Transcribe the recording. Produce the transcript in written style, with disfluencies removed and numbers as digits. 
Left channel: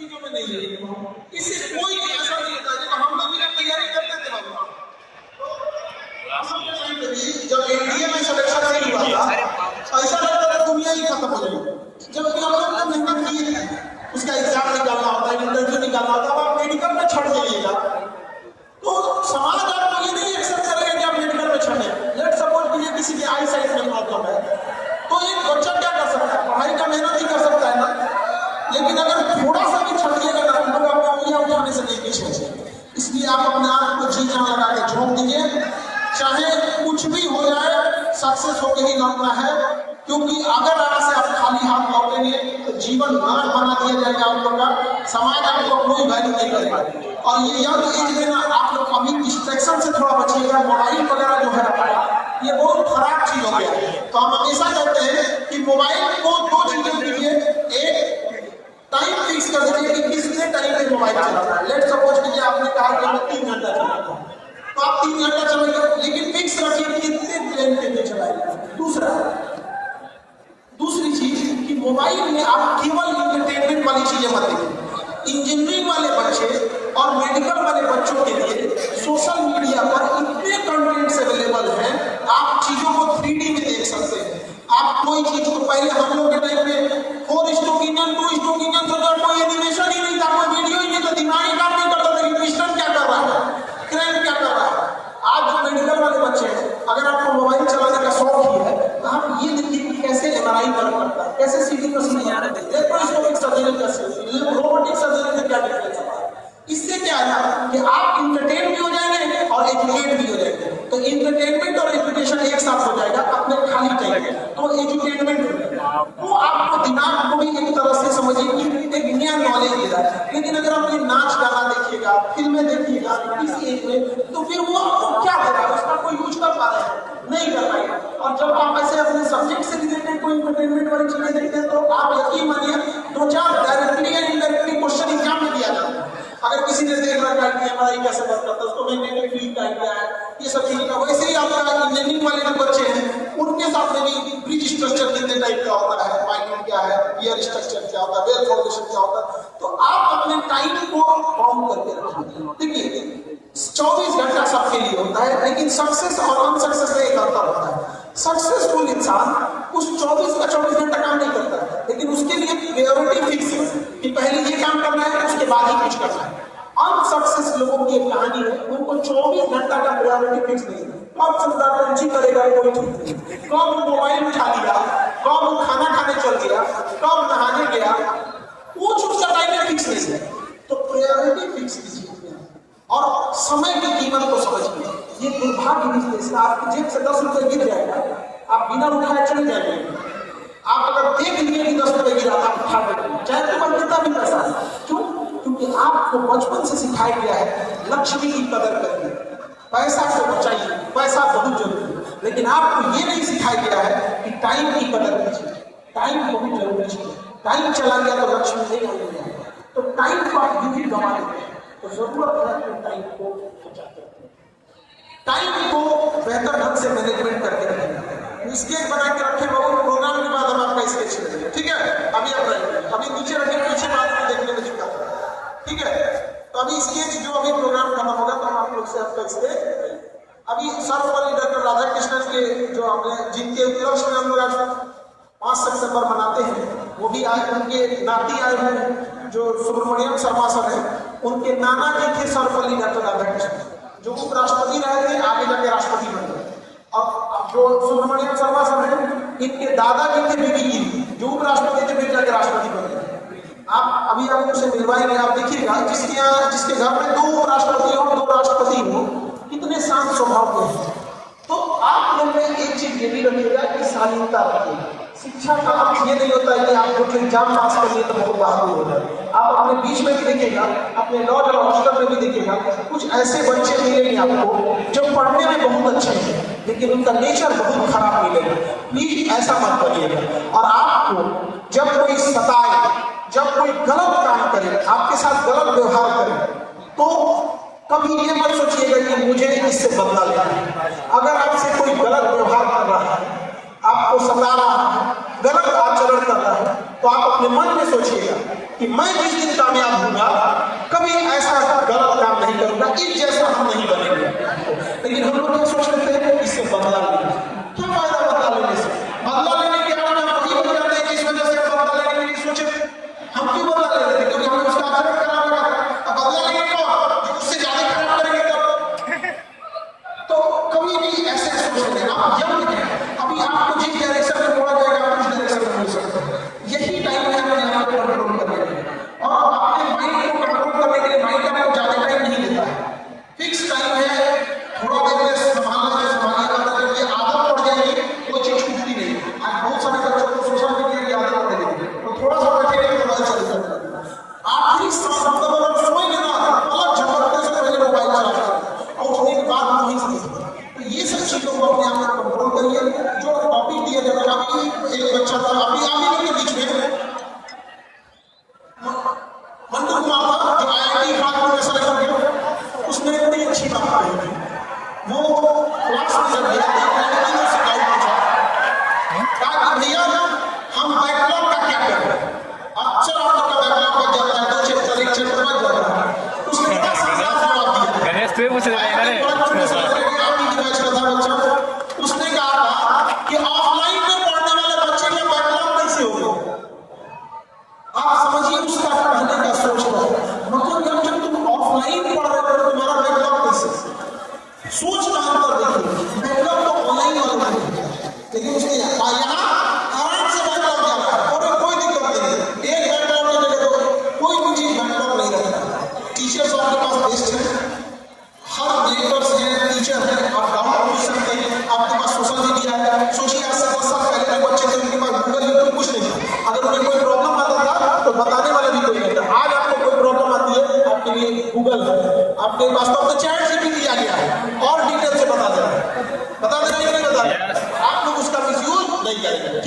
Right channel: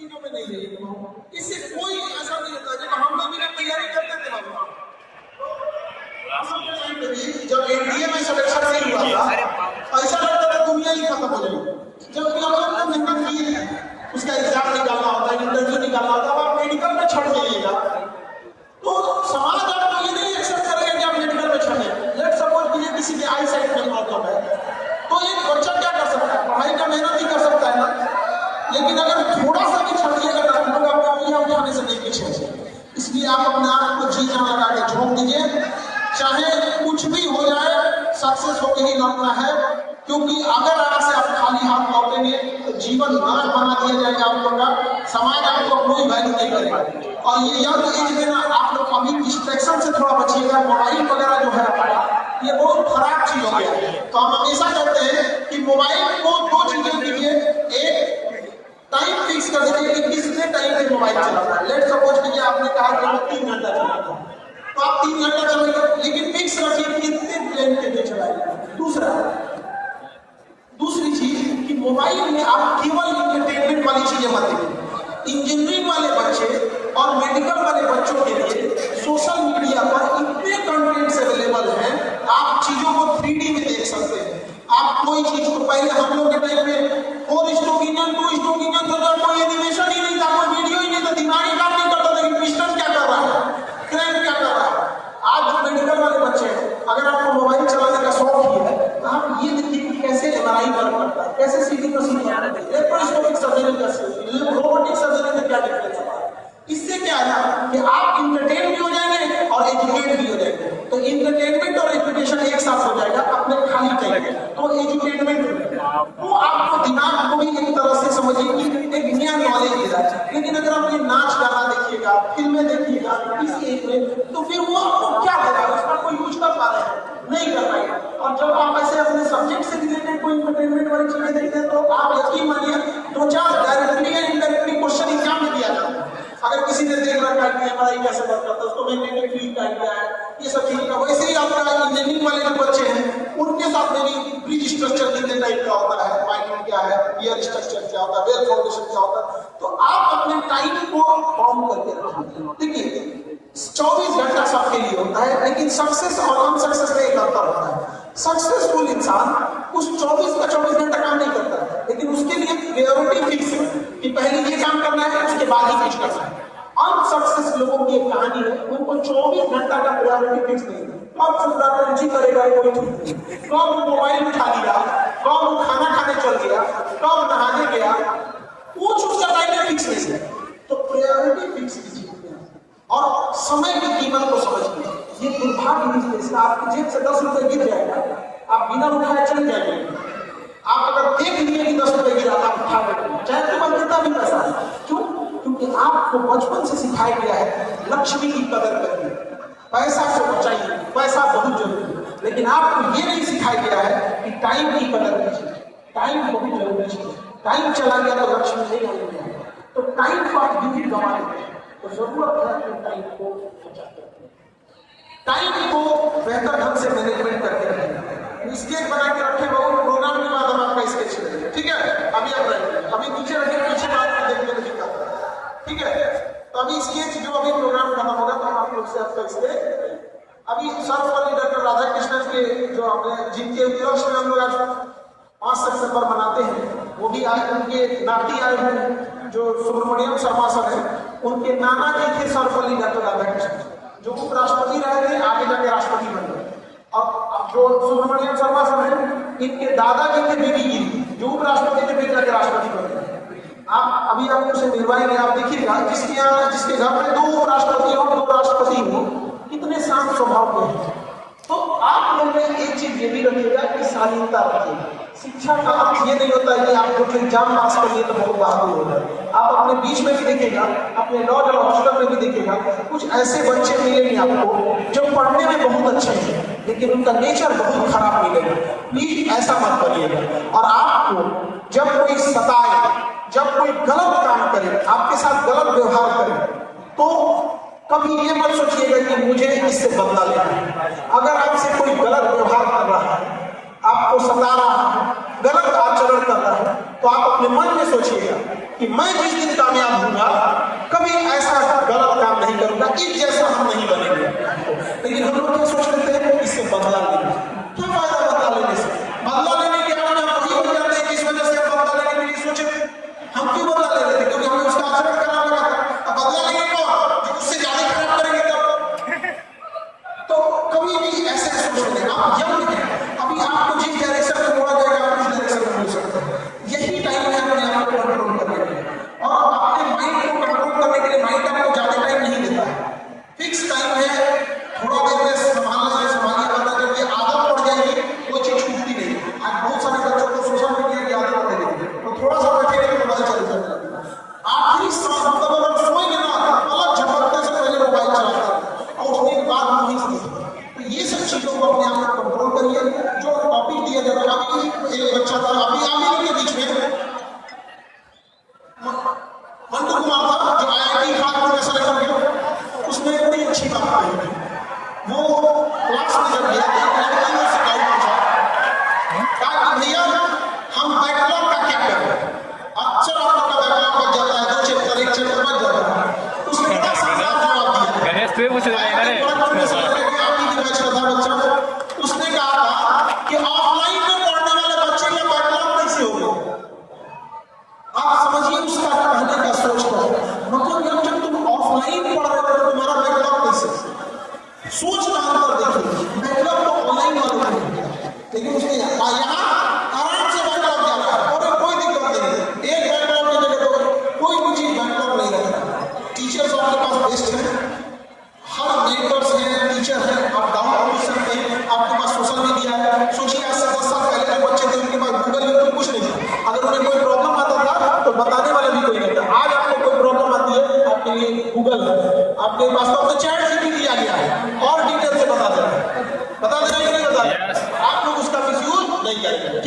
चीजों में नहीं लेगा। इससे कोई ऐसा नहीं होता। जब हम लोग भी तैयारी करते थे बाबू, जब एनडीए में सिलेक्शन नहीं हुआ था, ऐसा लगता था दुनिया ही खत्म हो जाएगी। जबकि हम लोग तो मेहनत की है, उसका एग्जाम निकालना होता है, इंटरव्यू निकालना होता है, आप मेडिकल में छोड़ दीजिएगा तो समाज आपको ये नहीं एक्सेप्ट करेगा कि आप मेडिकल में छोड़े। लेट सपोज कीजिए किसी के आई साइट में प्रॉब्लम है, तो एक बच्चा क्या कर सकता है, पढ़ाई का मेहनत ही कर सकता है ना। लेकिन अगर थोड़ा सा भी छोड़िएगा ना, तो आप अपने आने से नहीं पीछे। इसलिए आप अपने आप को जी जान लगा के झोंक दीजिए, चाहे कुछ भी हो जाए, सक्सेस होकर ही लौटना है। क्योंकि अगर आज से आप खाली हाथ लौटेंगे तो जीवन नरक बना दिया जाएगा आप लोग का, समाज आपको कोई वैल्यू नहीं करेगा। और ये यंग एज में ना आप लोग अभी डिस्ट्रैक्शन से थोड़ा बचिएगा। मोबाइल वगैरह जो है ये बहुत खराब चीज हो गया। तो हम हमेशा कहते हैं कि मोबाइल को दो चीजें दीजिए, एक टाइम फिक्स कर दीजिए कि कितने टाइम पे मोबाइल चलाना है। लेट सपोज कीजिए आपने कहा कि 3 घंटा चलाना है, तो आप 3 घंटा चलाइए, लेकिन फिक्स रखिए कितने घंटे में चलाइए। दूसरी चीज कि मोबाइल में आप केवल इंटरटेनमेंट वाली चीजें मत देखिए। इंजीनियरिंग वाले बच्चे और मेडिकल वाले बच्चों के लिए सोशल मीडिया पर इतने कंटेंट्स अवेलेबल हैं, आप चीजों को 3D में देख सकते हैं। आप कोई चीज को पहले हम लोग के टाइम पे 4:1 2:1 तो कोई एनिमेशन ही नहीं था, कोई वीडियो ही नहीं था, दिमाग ही काम नहीं करता था कि क्रिस्टन क्या कर रहा है, क्रेन क्या कर रहा है। आज जो मेडिकल वाले बच्चे हैं, अगर आपको मोबाइल चलाने का शौक ही है तो आप ये देखिए कि कैसे एमआरआई वर्क करता है, कैसे सीटी मशीन याद है, लेप्रोस्कोपिक सर्जरी कैसे, रोबोटिक सर्जरी में क्या डिफरेंस है। इससे क्या है कि आप इंटरटेन भी हो जाएंगे और एजुकेट भी हो जाएंगे। तो इंटरटेनमेंट और एजुकेशन एक साथ हो जाएगा अपने खाली टाइम में। तो एजुकेटमेंट वो आपको दिमाग को भी एक तरह से समझिए कि एक नया नॉलेज दे रहा है। लेकिन अगर आप ये नाच गाना देखिएगा, फिल्में देखिएगा इस एज में, तो फिर वो आपको क्या देगा, उसका कोई यूज कर पा रहे हैं, नहीं कर पाएगा। और जब आप ऐसे अपने सब्जेक्ट से रिलेटेड कोई इंटरटेनमेंट वाली चीजें देखते हैं तो आप यकीन मानिए 2-4 डायरेक्टली या इनडायरेक्टली क्वेश्चन एग्जाम में दिया जाता है। अगर किसी ने देख रखा है कि एमआरआई कैसे वर्क करता है, उसको मैग्नेटिक फील्ड का आइडिया है, ये सब चीजें का। वैसे ही आपका इंजीनियरिंग वाले जो बच्चे हैं उनके साथ में भी ब्रिज स्ट्रक्चर कितने टाइप का होता है, पाइलिंग क्या है, गियर स्ट्रक्चर क्या होता है, वेल फाउंडेशन क्या होता है। तो आप अपने टाइम को फॉर्म करके रखिए। देखिए 24 घंटा सबके लिए होता है, लेकिन सक्सेस और अनसक्सेस में एक अंतर होता है। सक्सेसफुल इंसान उस 24 घंटा काम नहीं करता, लेकिन उसके लिए प्रायोरिटी फिक्स है कि पहले ये काम करना है, उसके बाद ही कुछ करना है। अनसक्सेस लोगों की एक कहानी है, उनको 24 घंटा का प्रायोरिटी फिक्स नहीं है। कब शतरंजी करेगा कोई ठीक नहीं, कब मोबाइल उठा लिया, कब खाना खाने चल गया, कब नहाने गया, कुछ उसका टाइम फिक्स नहीं है। तो प्रायोरिटी फिक्स कीजिए और समय की कीमत को समझिए। ये दुर्भाग्य बिजनेस, आपकी जेब से 10 रुपए गिर जाएगा, आप बिना उठाए चले जाएंगे। आप अगर देख लीजिए कि 10 रुपए गिरा, आप उठा देंगे, चाहे तो बात कितना भी पैसा। क्यों? क्योंकि आपको बचपन से सिखाया गया है लक्ष्मी की कदर करिए, पैसा से बचाइए, पैसा बहुत जरूरी है। लेकिन आपको ये नहीं सिखाया गया है कि टाइम की कदर कीजिए, टाइम बहुत जरूरी है। टाइम चला गया तो लक्ष्मी नहीं आएगी। तो टाइम को आप यदि गंवा देंगे तो जरूरत है कि टाइम को बेहतर ढंग से मैनेजमेंट करके रखें। स्केच बना के रखें, बहुत प्रोग्राम के बाद हम आपका स्केच चलेंगे, ठीक है। अभी आप अभी नीचे रखें, पीछे बाद में देखने को चिपका, ठीक है। तो अभी स्केच जो अभी प्रोग्राम करना होगा तो हम आप लोग से आपका स्केच अभी सर्वपल्ली डॉक्टर राधाकृष्णन के जो आपने जिनके उपलक्ष्य में हम लोग आज 5 सितंबर मनाते हैं, वो भी आए, उनके नाती आए हुए हैं जो सुब्रमण्यम शर्मा सर है। उनके नाना जी थे सर्वपल्ली डॉक्टर राधाकृष्णन, जो उपराष्ट्रपति रहे थे, आगे जाके राष्ट्रपति बने। अब जो सुब्रमण्यम शर्मा सर है, इनके दादाजी थे बीडी गिरी, जो उपराष्ट्रपति थे, फिर जाके राष्ट्रपति बने। आप अभी आप उसे मिलवाएंगे, आप देखिएगा जिसके घर में 2 उपराष्ट्रपति और 2 राष्ट्रपति हो, कितने शांत स्वभाव के हैं। तो आप मन में एक चीज ये भी रखिएगा कि शालीनता रखिए। शिक्षा का अर्थ ये नहीं होता है कि आप जो एग्जाम पास कर लिए तो बहुत बाहर हो जाए। आप अपने बीच में भी देखिएगा, अपने लॉ और हॉस्टल में भी देखिएगा, कुछ ऐसे बच्चे मिलेंगे आपको जो पढ़ने में बहुत अच्छे हैं लेकिन उनका नेचर बहुत खराब मिलेगा। प्लीज ऐसा मत करिएगा। और आपको जब कोई सताए, जब कोई गलत काम करे, आपके साथ गलत व्यवहार करे, तो कभी ये मत सोचिएगा कि मुझे इससे बदला लेना है। अगर आपसे कोई गलत व्यवहार कर रहा है, आपको सता रहा है, गलत आचरण कर रहा है, तो आप अपने मन में सोचिएगा कि मैं जिस दिन कामयाब उसका पढ़ने का सोच लो। मतलब जब तुम ऑफलाइन पढ़ रहे हो तो तुम्हारा बैकलॉग कैसे, सोच का अंतर देखिए। बैकलॉग तो ऑनलाइन वालों को नहीं है, लेकिन उसके यहाँ आराम से बैकलॉग क्या है, और कोई दिक्कत नहीं। एक बैकलॉग की जगह तो कोई भी चीज बैकलॉग नहीं रखना। टीचर्स आपके पास बेस्ट है, हर मेंटर्स हैं, टीचर हैं, आप डाउट पूछ सकते हैं। आपके पास सोशल मीडिया है, सोचिए आज से 10 साल पहले जो बच्चे थे उनके पास गूगल यूट्यूब कुछ नहीं था। अगर उन्हें कोई प्रॉब्लम आता था तो बताने वाला भी कोई नहीं था। आज आपको कोई प्रॉब्लम आती है, आपके लिए गूगल है, आपके पास तो चैट जीपीटी आ गया है और डिटेल से बता देगा कि नहीं बता देगा। आप लोग उसका मिसयूज नहीं करेंगे।